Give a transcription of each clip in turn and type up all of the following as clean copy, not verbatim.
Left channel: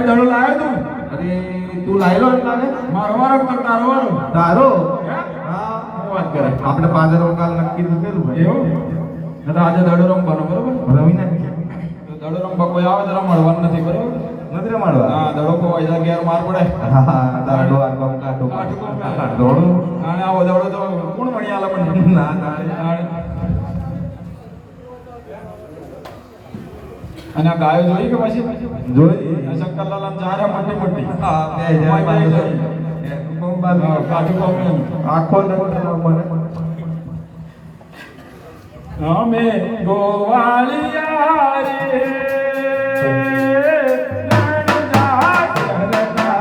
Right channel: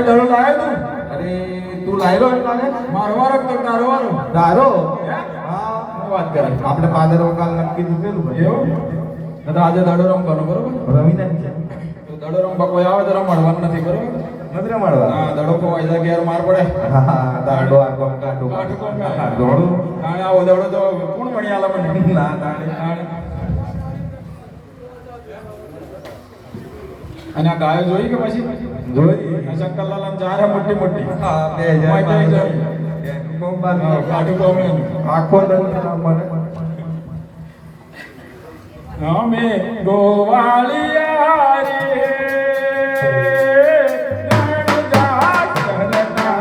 ભાઈ દડો લાવ્યો તું? અરે તું લાયલો એટલા ને મારો વારો તો તારો વારો. તારો હે? હા શું વાત કરે? આપણે પાદર કાલ નક્કી દીધેલું ભાઈ એવું? તો આજે દડો રમવાનો બરોબર? રમી નાખીએ તો દડો રમવા કોઈ આવે તો રમાડવાનું નથી બરોબર? નથી રમાડવા હા દડો તો વાયદા ઘેર માર પડે. હા દાડો આ ગમ કાઢો દોડો તાણે આવો દડો તો કોણ મળી આલે મને? ના તાણે અને આ ગાયો જોઈ કે પછી જોઈ આ શંકરલાલ અને જારા મોટી મોટી હા કાઠું કોમે આખો દડો મને અમે ગોવાળિયા રે રણજા ચરતા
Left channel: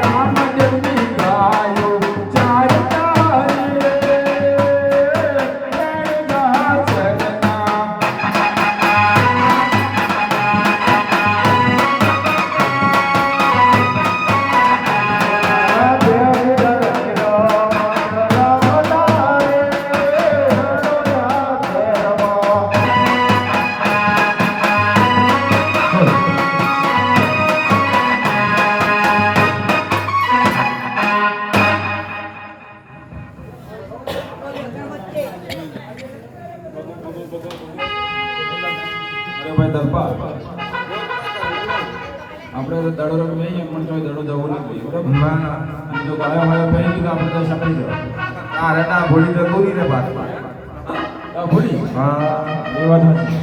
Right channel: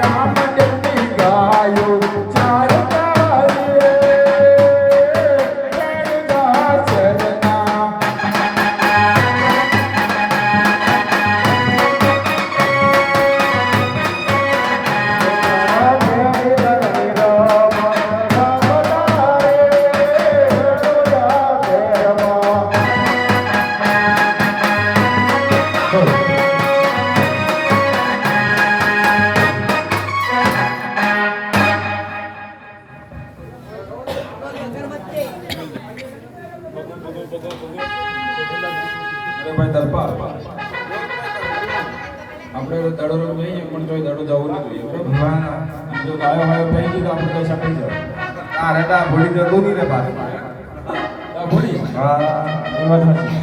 રામદેવની ગાયો ચારતા રે રણજા ચરતા અરે ભાઈ દલપા આપણે દડો રમવા જઈએ પણ તોય દડો જવું નથી બરાબર ના જો ગાયો હોય પહેરી તો આપણે તો સપડી જાય આ રેટા ભૂલી જતું નહીં ને પાછું આ ભૂલી હા એ વાત સાચી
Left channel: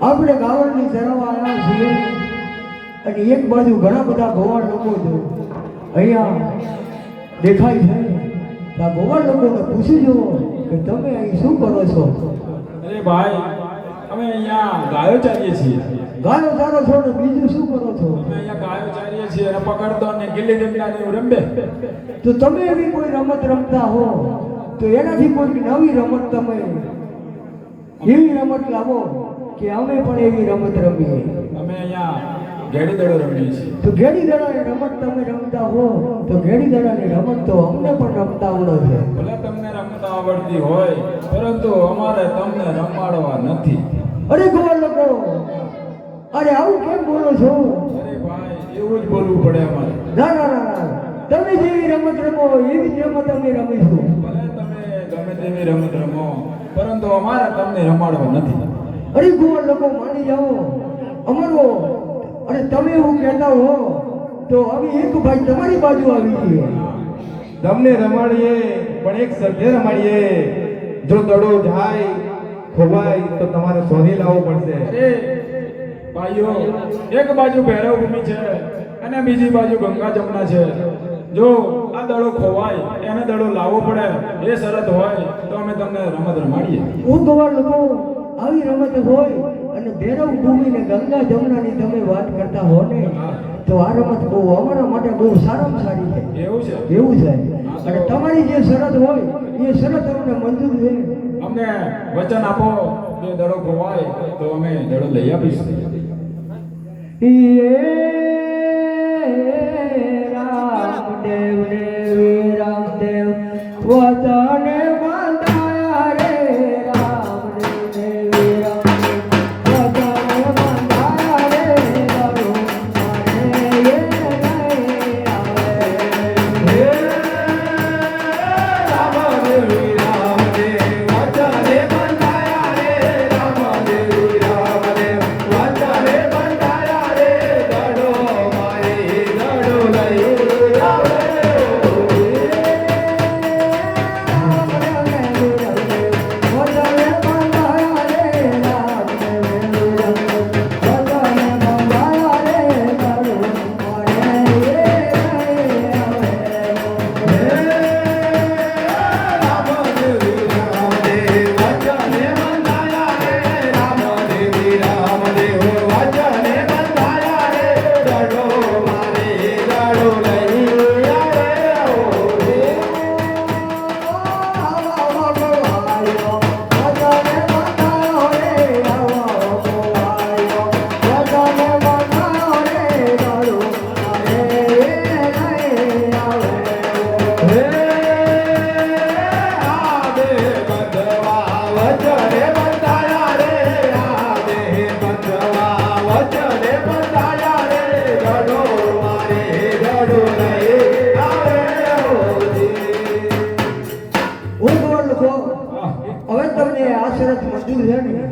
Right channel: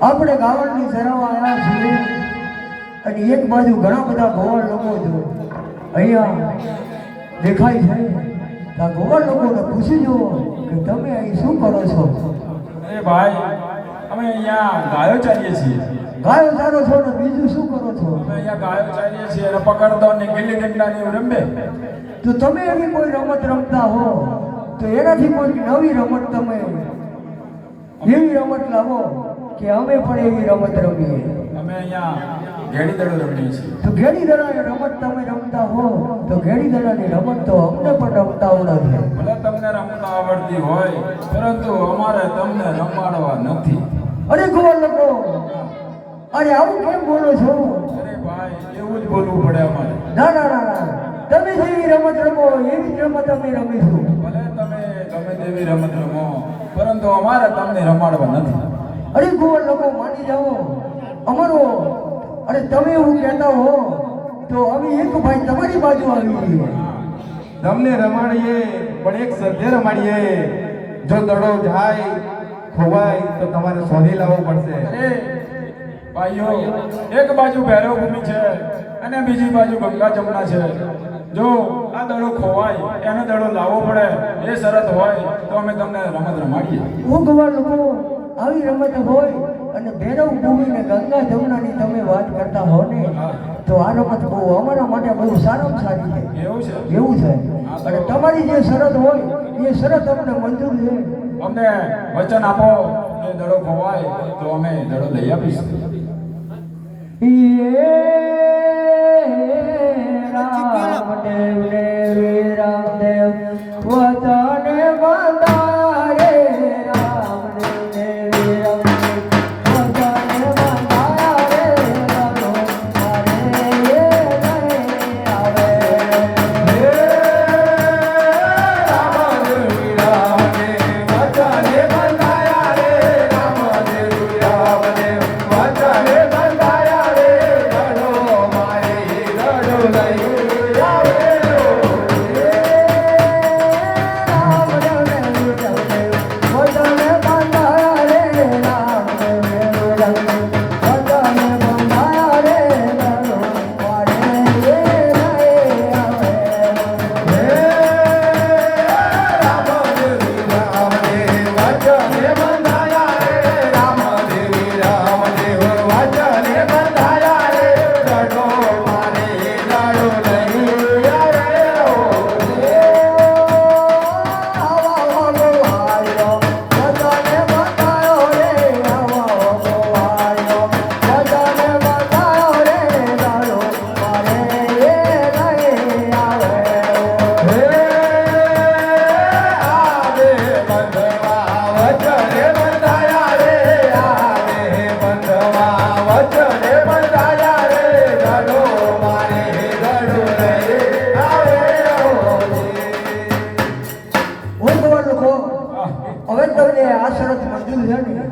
આપણે ગાવડની સેરામાં આવ્યા છીએ અને એક બાજુ ઘણા બધા ગોવાળ લોકો છે અહીંયા દેખાય છે તો આ ગોવાળ લોકોને પૂછી જુઓ કે તમે અહીં શું કરો છો? અરે ભાઈ અમે અહીંયા ગાયો ચાલીએ છીએ ગાયો ચારો છો ને બીજું શું કરો છો? અમે અહીંયા ગાયો ચાલીએ છીએ અને પકડતો ને ગિલ્લી ડંડા ને એવું રમે તો તમે એવી કોઈ રમત રમતા હો તો એનાથી કોઈ નવી રમત તમે એવી રમત લાવો કે અમે પણ એવી રમત રમીએ. અમે અહીંયા ઘેડી દડો રમીએ છીએ. તો ઘેડી દડાની રમત તમે રમતા હો તો ઘેડી દડાની રમત તો અમને પણ રમતા આવડે છે. ભલે તમને રમતા આવડતી હોય પરંતુ અમારે તમને રમાડવા નથી. અરે ગોવાળ લોકો, અરે આવું કેમ બોલો છો? અરે ભાઈ એવું જ બોલવું પડે અમારે. ના ના ના ના, તમે જેવી રમત રમો એવી જ રમત અમે રમીશું. ભલે તમે ગમે તેવી રમત રમો, પરંતુ અમારે તમને રમાડવા નથી. અરે ગોળ લોકો માની જાઓ અમારો. અને તમે એવું કહેતા હો તો અમે એક ભાઈ તમારી બાજુ આવી છીએ. તમને રમાડીએ પણ એક સભ્ય રમાડીએ. જો દડો જાય ખોવાય તો તમારે સોરી લાવવું પડશે. અરે ભાઈઓ, એક બાજુ ભૈરવ ભૂમિ છે અને બીજી બાજુ ગંગા જમુના છે. જો આ દડો ખોવાય એને દડો લાવવો પડે એ શરત હોય તો અમે તમને રમત રમાડીએ. ઓ ગોળ લોકો આવી રમત હોય અને ભૈરવ ભૂમિ ને ગંગા જમુનાની તમે વાત કરતા હો ને તો આ રમત બહુ અમારા માટે બહુ સારામાં સારી છે. એવું છે? એવું છે. અને તમારી જે શરત હોય એ શરત અમને મંજૂર છે. અમને વચન આપો કે દડો ખોવાય તો અમે દડો લઈ આપીશું. રામદેવ ને રામદેવ વતને બંધાયા રે. રામદેવ ને રામદેવ વતને બંધાયા રે.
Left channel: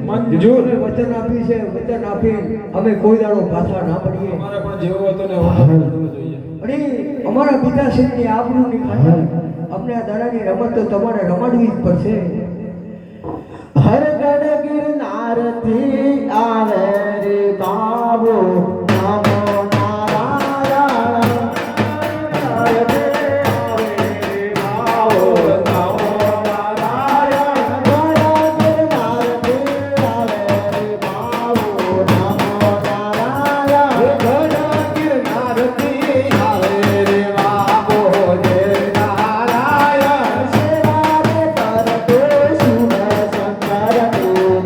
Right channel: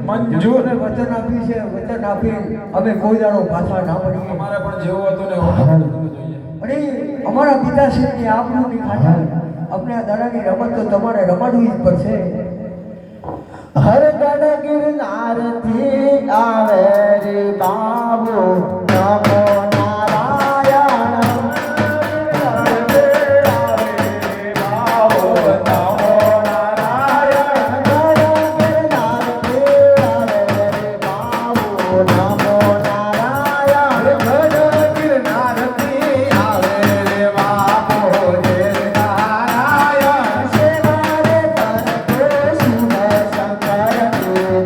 મંજૂર. વચન આપ્યું છે. વચન આપી અમે કોઈ દાડો પાછા ના પડીએ. અમારે પણ જેવું હતું ને એવું કરવું જોઈએ. અરે અમારા પિતાશ્રીની આબરૂની ખાતર અમને આ દાડાની રમત તો તમારે રમાડવી જ પડશે. હર ગઢ ગિરનારથી આવે રે બાબો નમો નારાયણ. હર ગઢ આવે રે બાબો નમો નારાયણ. ગઢ ગિરનારથી આવે રે બાબો નમો નારાયણ. સેવારે કરતે શિવ શંકર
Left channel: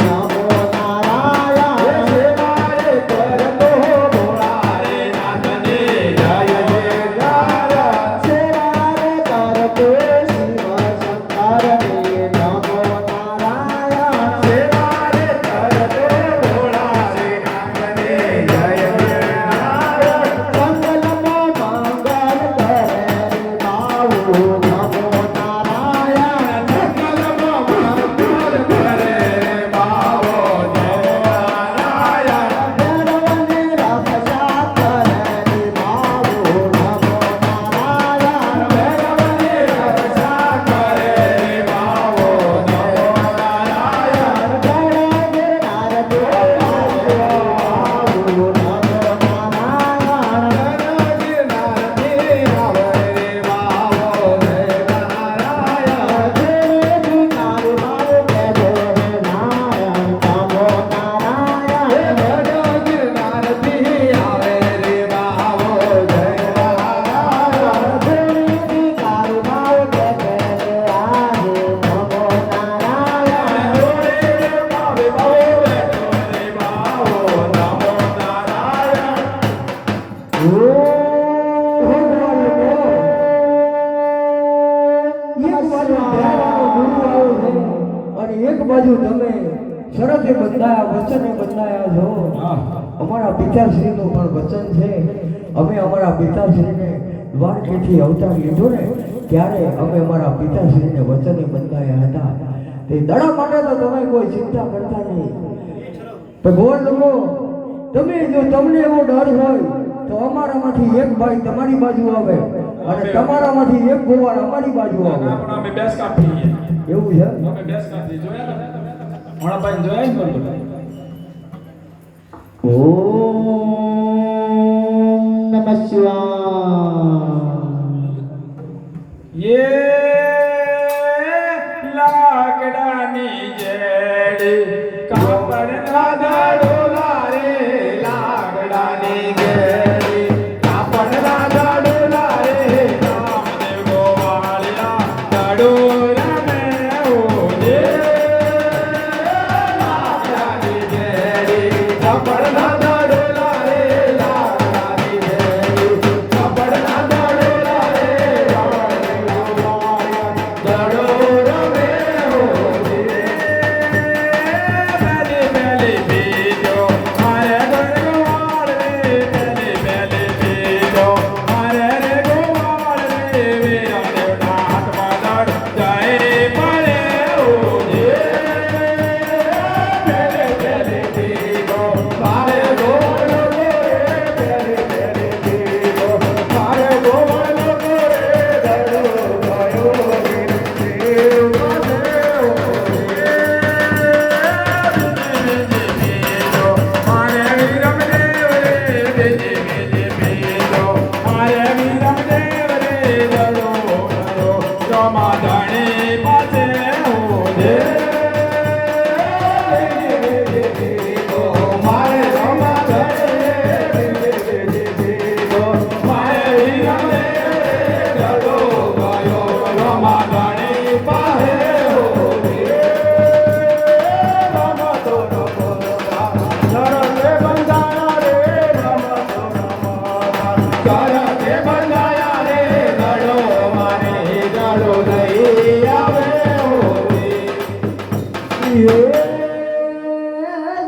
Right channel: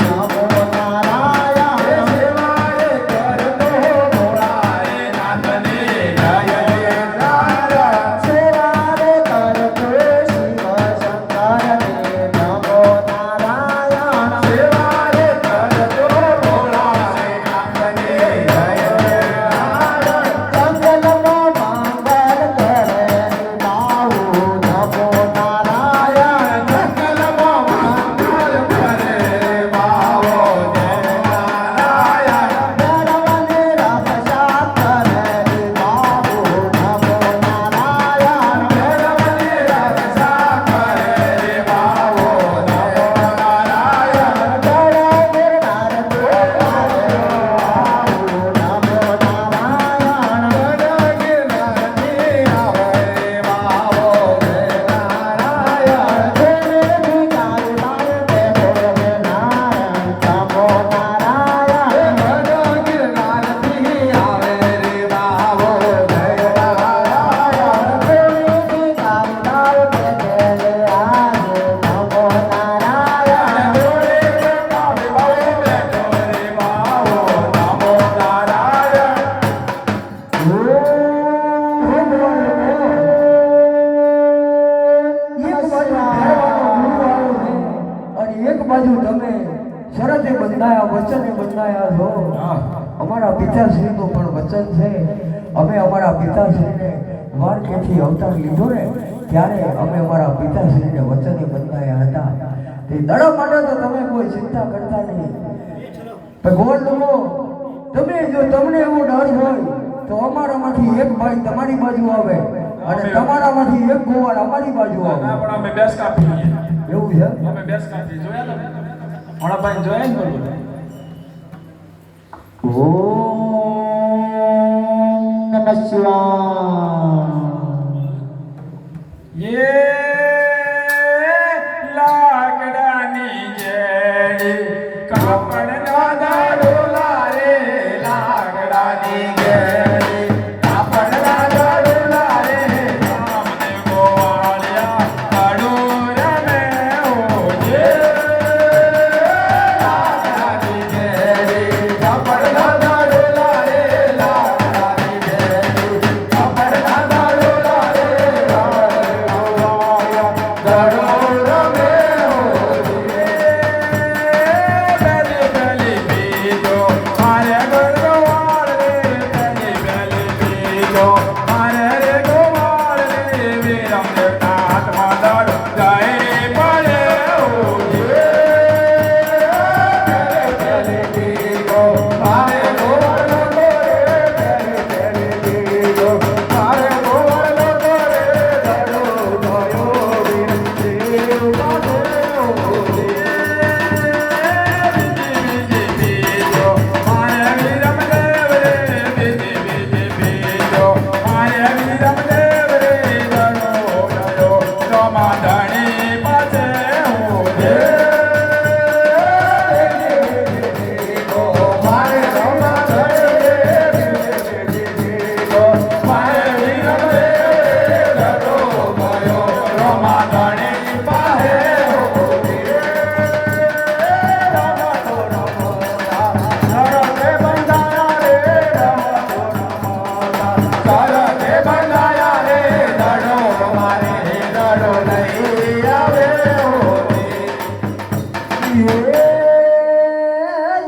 નમો નારાયણ. સેવારે કરતે ભોળાએ નાથને જય જય નારાયણ. સેવારે કરતે શિવ શંકર નમો નારાયણ. સેવારે કરતે ભોળાએ નાથને જય જય નારાયણ. મંગલ મે મંગલ કરે બાબુ નમો નારાયણ. મંગલમાં મંગલ કરે બાબો નમો નારાયણ. ધર્મને રક્ષા કરે બાબુ નમો નારાયણ. ધર્મને રક્ષા કરે બાબો નમો નારાયણ. એક બાજુ તમે શરતે બંધાયા વચને બંધાયા છો. હા. અમારા પિતાશ્રીનું પણ વચન છે. અમે અમારા પિતાશ્રીને દ્વારકેથી અવતાર લીધો ને ત્યારે અમે અમારા પિતાશ્રીને વચને બંધાયા હતા. તે દડા માટે તો તમે કોઈ ચિંતા કરતા નહીં. ભગવાન લોકો તમે જો તમને એવો ડર હોય તો અમારામાંથી એક ભાઈ તમારી બાજુ આવે અને તમારામાંથી એક ગોવાર અમારી બાજુ આવે. પણ અમે બેસ કાપી એવું છે? અમે બેસ કાપી જોયા ને ભાઈ જોયા ને ઓમ નમઃ શિવાય. ये लाकडानी जेड़ी कापड़ना दाडोला रे लाकडानी जेड़ी कापड़ना दाडोला रे नामदेव वालिया दाडोरा में ओ जे लाकडानी जेड़ी कापड़ना दाडोला रे लाकडानी जेड़ी कापड़ना दाडोला रे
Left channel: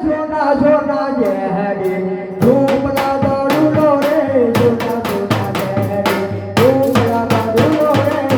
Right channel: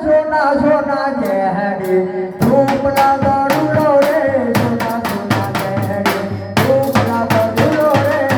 જોના જોના જય હરે ધૂપલા દારૂલો રે જોના જોના જય હરે ધૂપલા દારૂલો રે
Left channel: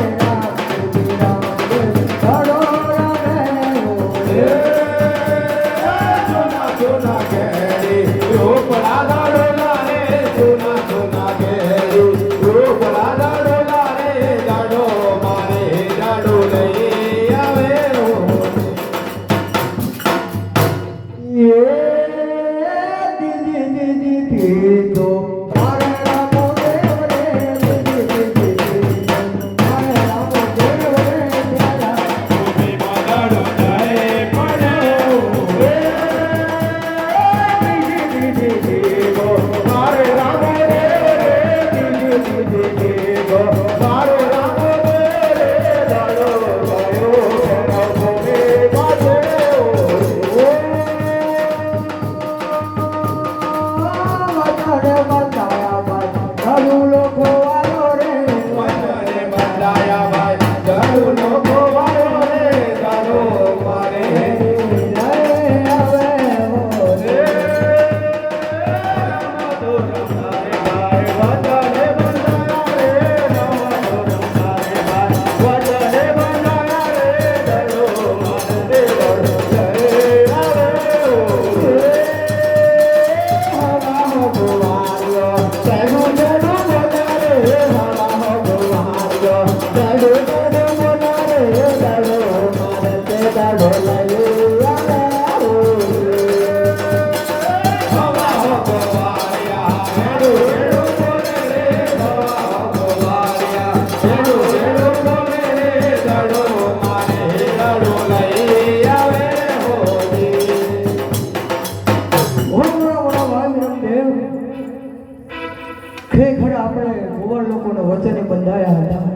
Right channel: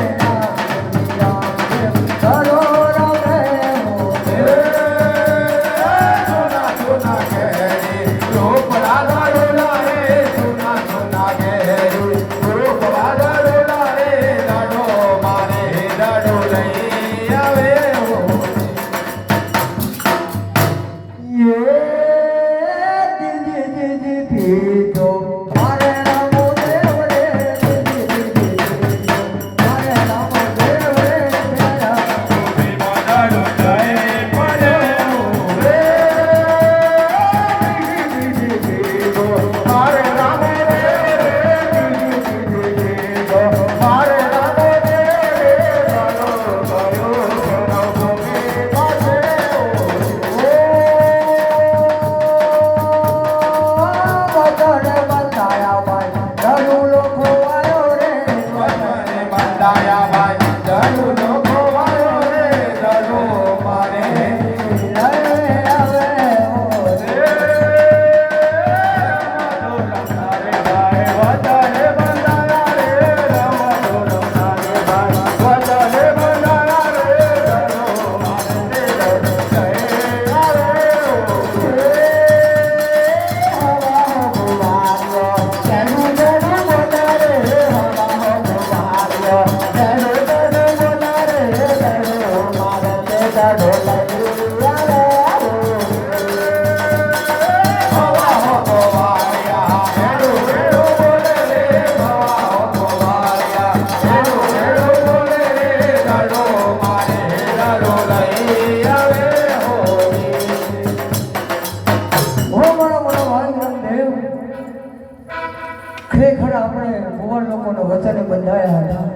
ખરેખર આપણે ભગવાન લોકોના વચને બંધાયા હતા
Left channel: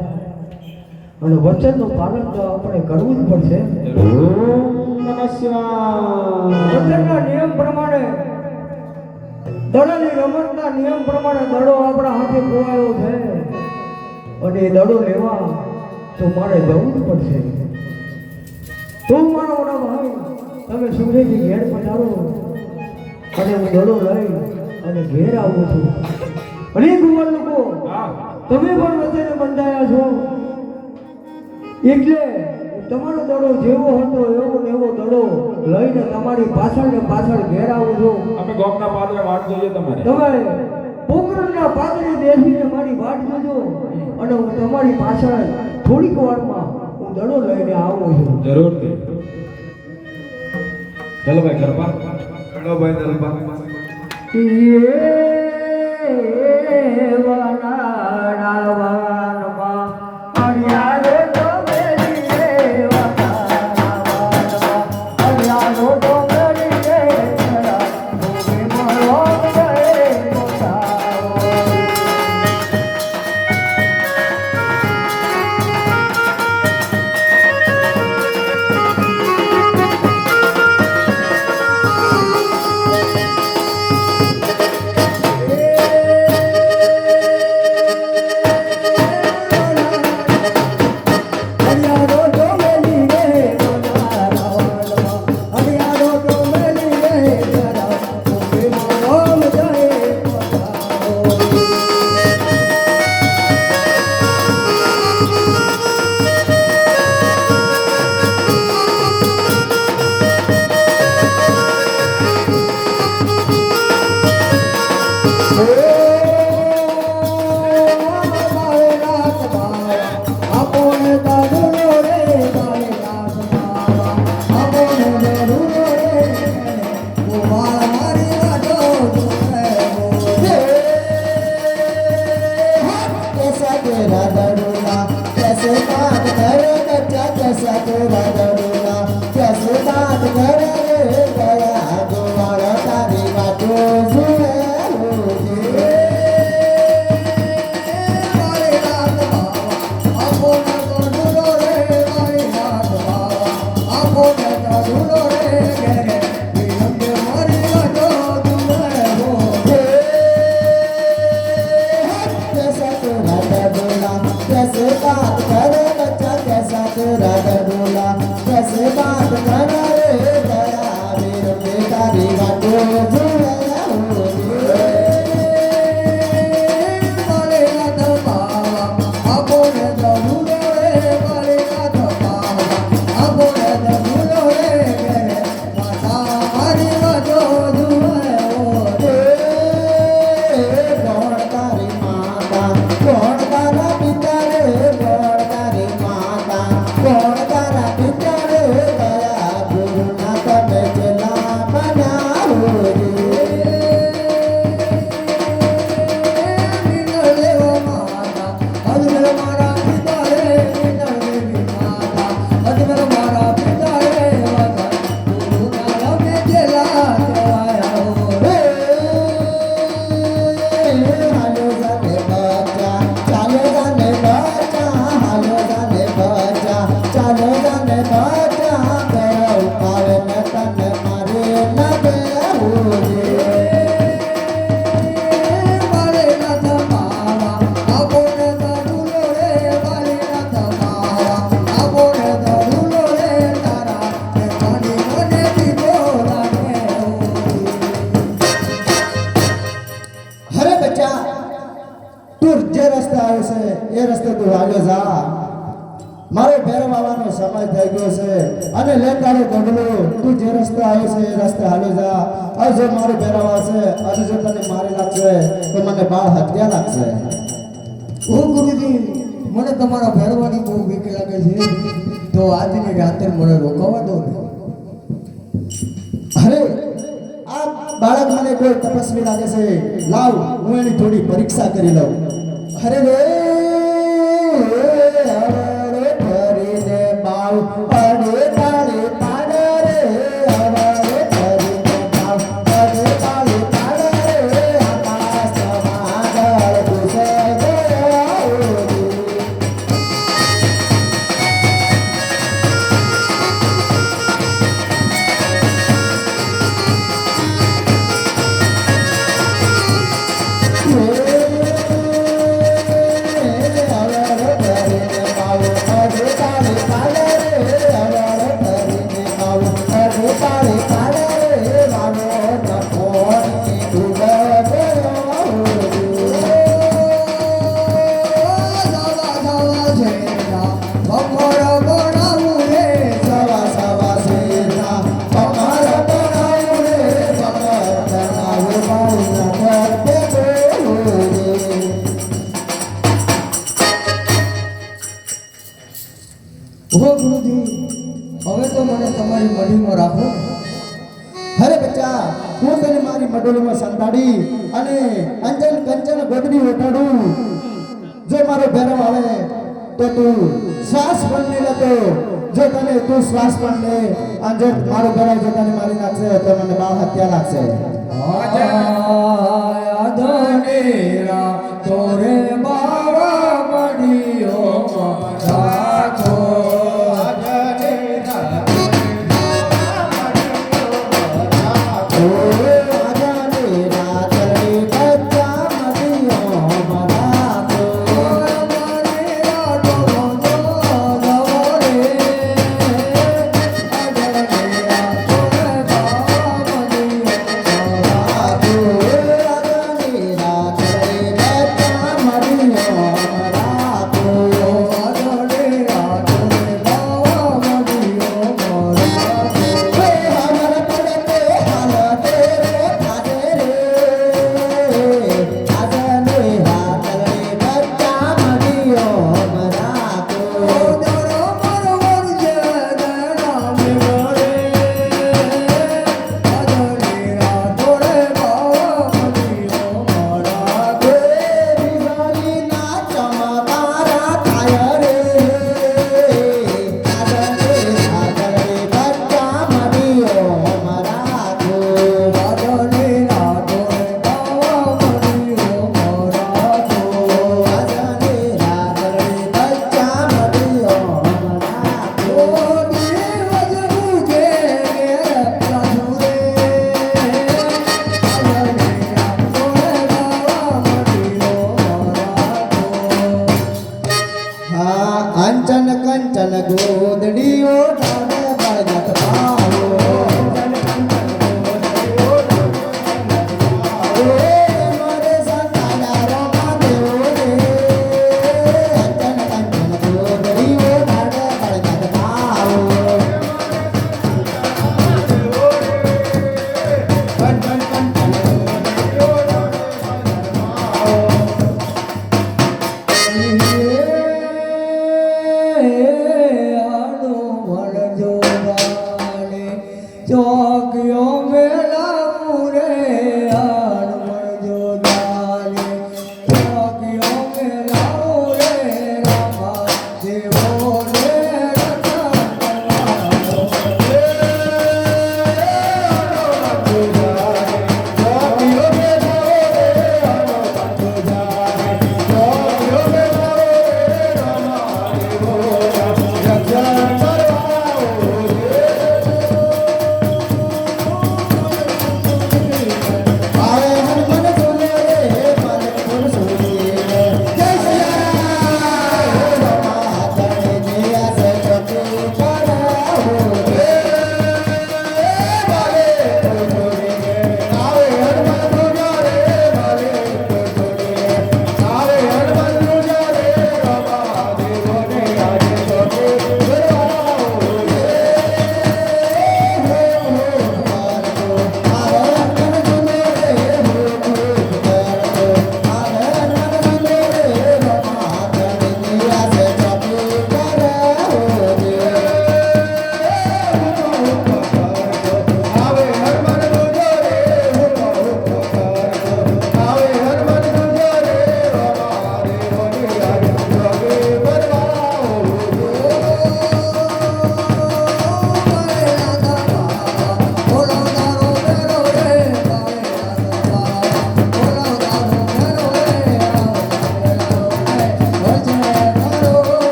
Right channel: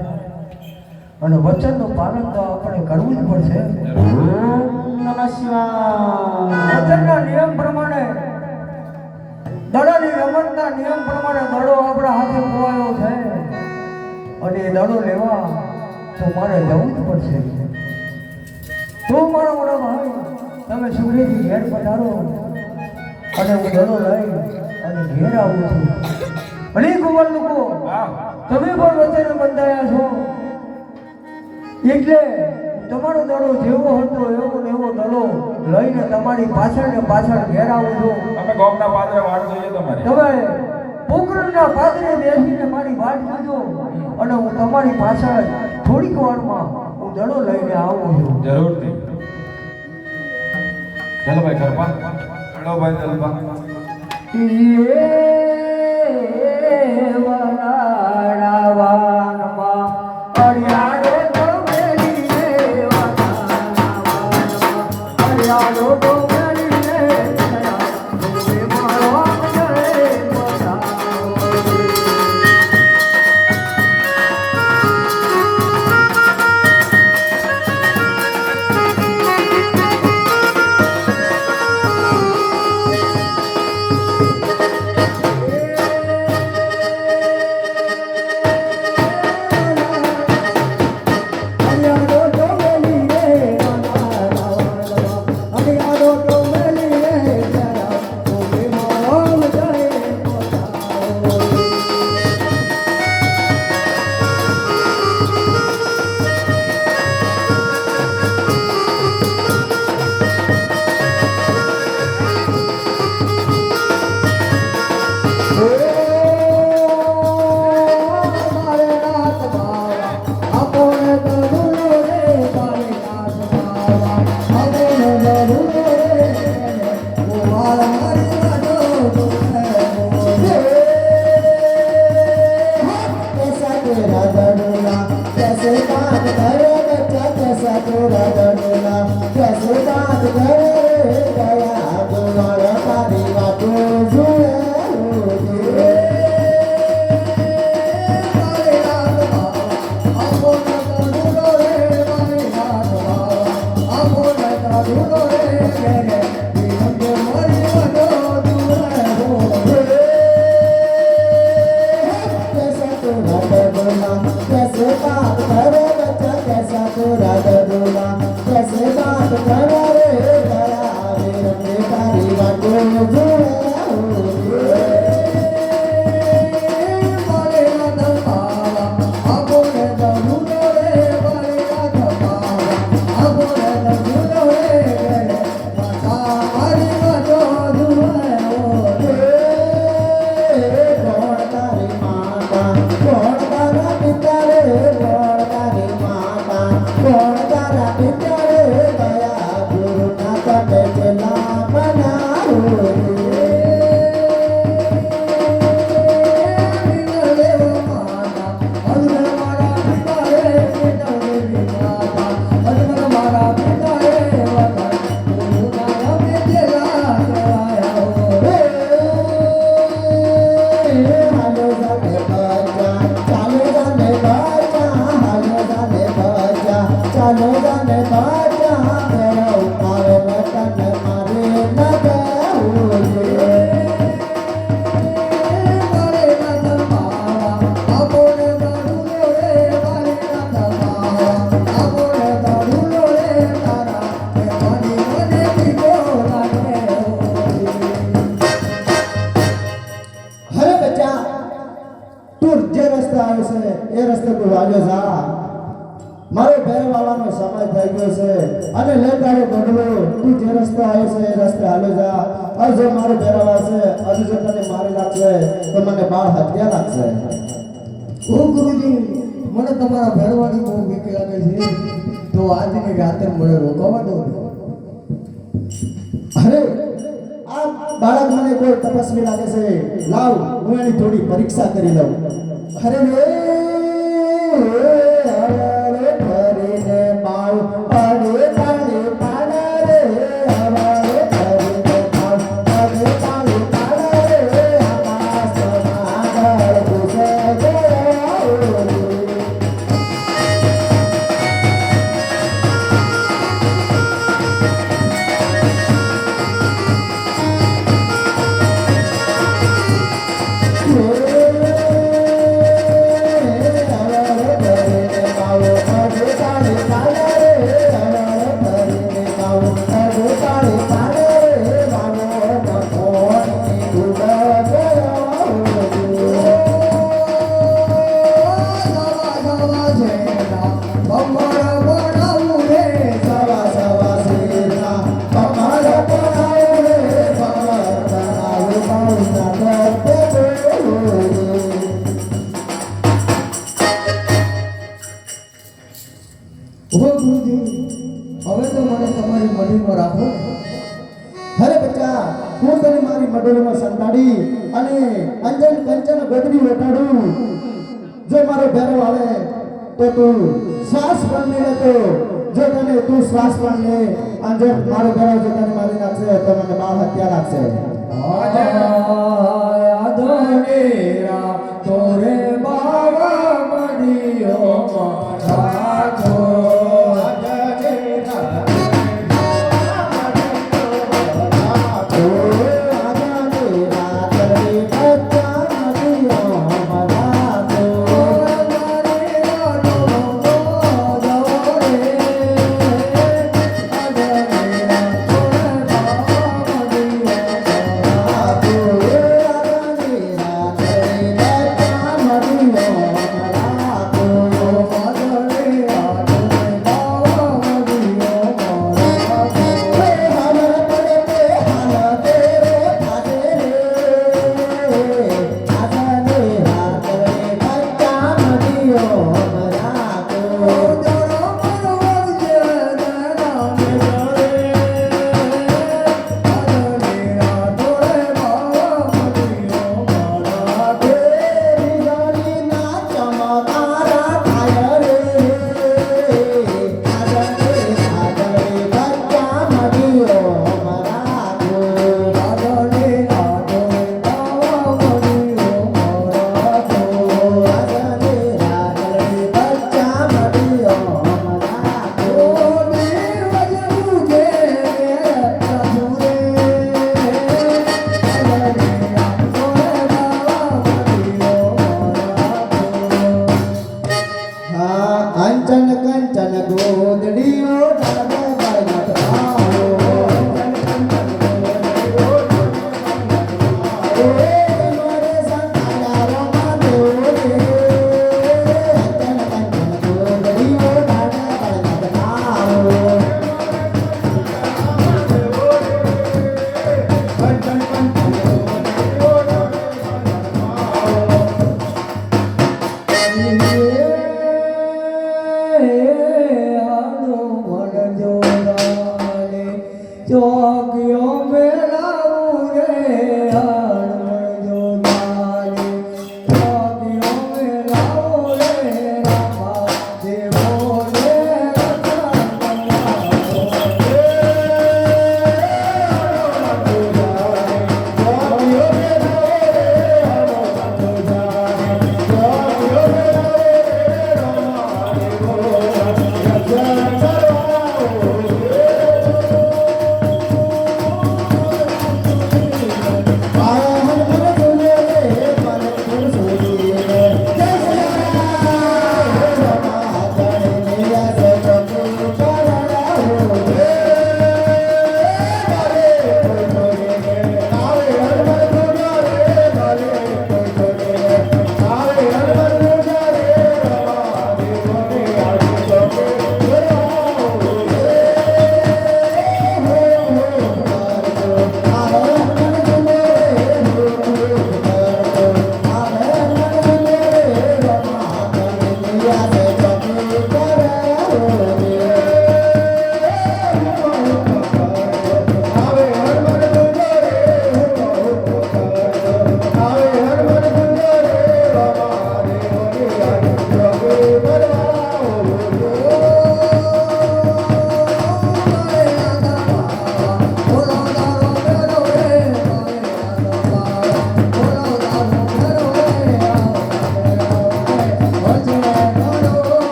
અને વચનનું પાલન તો આપણે કરવું જ પડશે. ઓમ નમઃ શિવાય. વચનના નિયમ પ્રમાણે દડાની રમતના નિયમ પ્રમાણે દડો આપણા હાથે ખોવાયો છે અને એ દડો લેવા તો મારે જવું જ પડશે. તો મારો મોટો ભાઈ તમે સુરેજી ઘેર પધારો અને હું દડો લઈ અને ઘેર આવું છું. અને ભગવાન લોકો તમે પણ વચ્ચે બંધાયા છો એટલે તમારો દડો જેવો હતો એવો ને એવો દડો લઈને તમારી પાછળ ને પાછળ ઘેર આવું છું. અમે ગોમના પાદરે વાટ જોઈએ તમારે. તમે પોકરણના પાદરે બેસીને મારી વાટ જોજો અને હું તમારી પાછળ થોડીક વારમાં હું દડો લઈને આવું છું. જરૂરથી. ચાલો ભાઈ ખરપા. ચલો ભાઈ દલપા. એ રસ્તે તું હાલ્યો જા. મારો ભેરવ આવવાનો સમય થઈ ગયો છે અને લે તારો ગઢલો તું જે રસ્તે આવ્યો છે એ રસ્તે હાલ્યો જા. હવે જો મારો ભેરવ આવશે અને જો તને મારી નાખશે તો મને બાળ હત્યા લાગશે. ઓ ગુરુજી મને તમારા ભેરવાની બહુ બીક લાગે છે તો આજની રાતે મને રોકાવા દો ને. અરે આ બાળક મને કોઈ તપસ્વી લાગે છે. લાવ હું એની થોડી પરીક્ષા કરી લઉં. અરે રે અરે ફરીને બાળ પાડે પાડે પાડે રે અરે ફરીને બાળ પાડે પાડે પાડે રે આકાશમાં આગળ ઘૂસે રે. ઓ ગુરુજી હવે તો મને તમારી મઢીમાં રાખો. અરે બચ્ચા, હું તને મારી મડોલીમાં સંતાડી અને અંજન કંચન ગોદડી ઓટાડું. જો મારો ભેરવ આવે તો તું શ્વાસ પણ નહીં લેતો. જો તને તું શ્વાસ પણ લે અને જો મારો ભેરવ જો તને મારી નાખશે તો મને બાળ હત્યા લાગશે. આધનેરા તોરે બાવા મઢીઓ રાખો. કંચન કંચન ગોદડીઓ ડાબે બળગત પાવો. મારે સંતાયા રમા દેવો રે. કંચન કંચન ગોદડીઓ ડાબે બળગત પાવો. કંચન કંચન ગોદડીઓ ડાબે બળગત પાવો. ચોકીઓ મેલાવું રે આણવણ જોદાને. ચોકીઓ મેલાવું રે રામા દેવો ને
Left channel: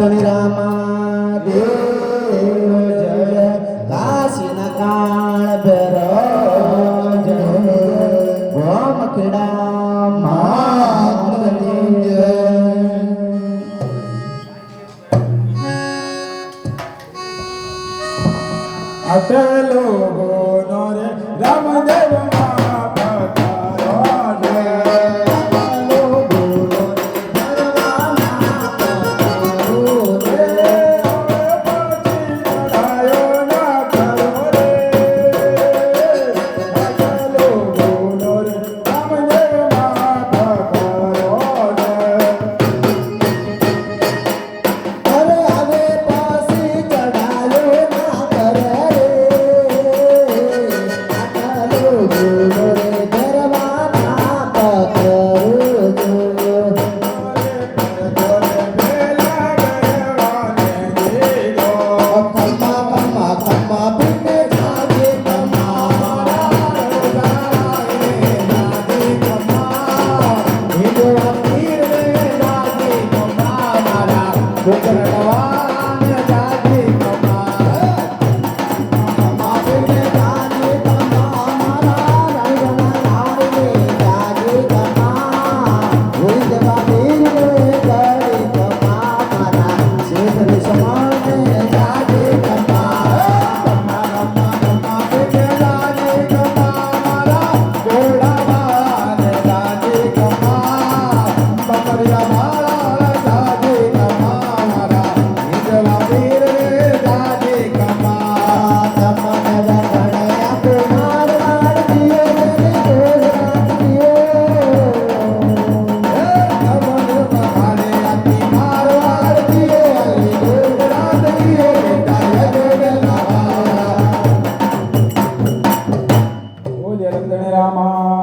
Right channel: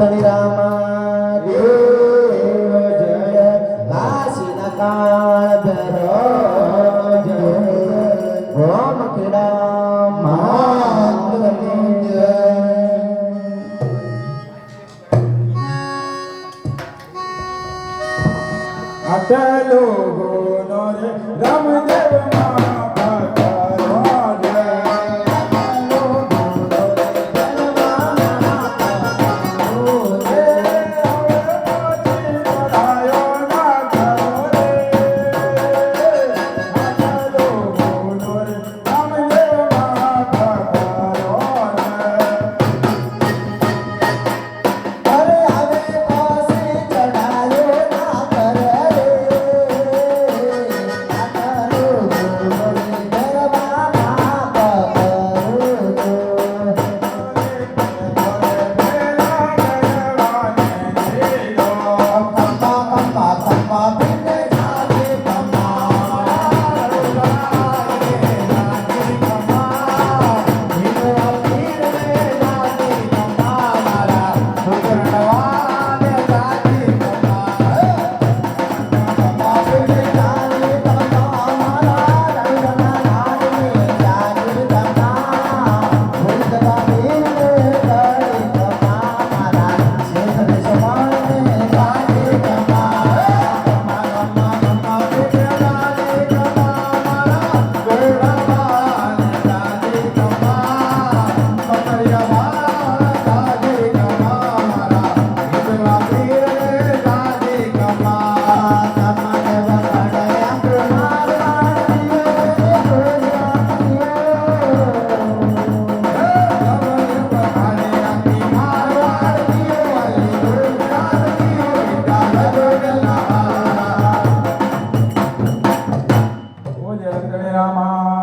ધણી રામા દેવ જય કાશીના કાળ ભૈરવ જય ગોમ ખેડા મહાદેવની જય અટલો ગોનો રે રામદેવ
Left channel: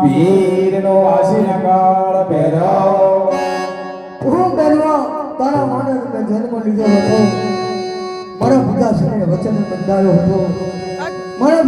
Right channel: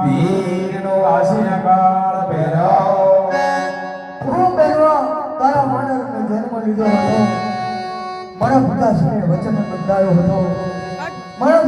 વીરનો કાશીના કાળ ભૈરવ હું બેનવા તારા માટે જન્મ લીધો હતો મારા પિતા સામે વચન બંધાયો હતો મારા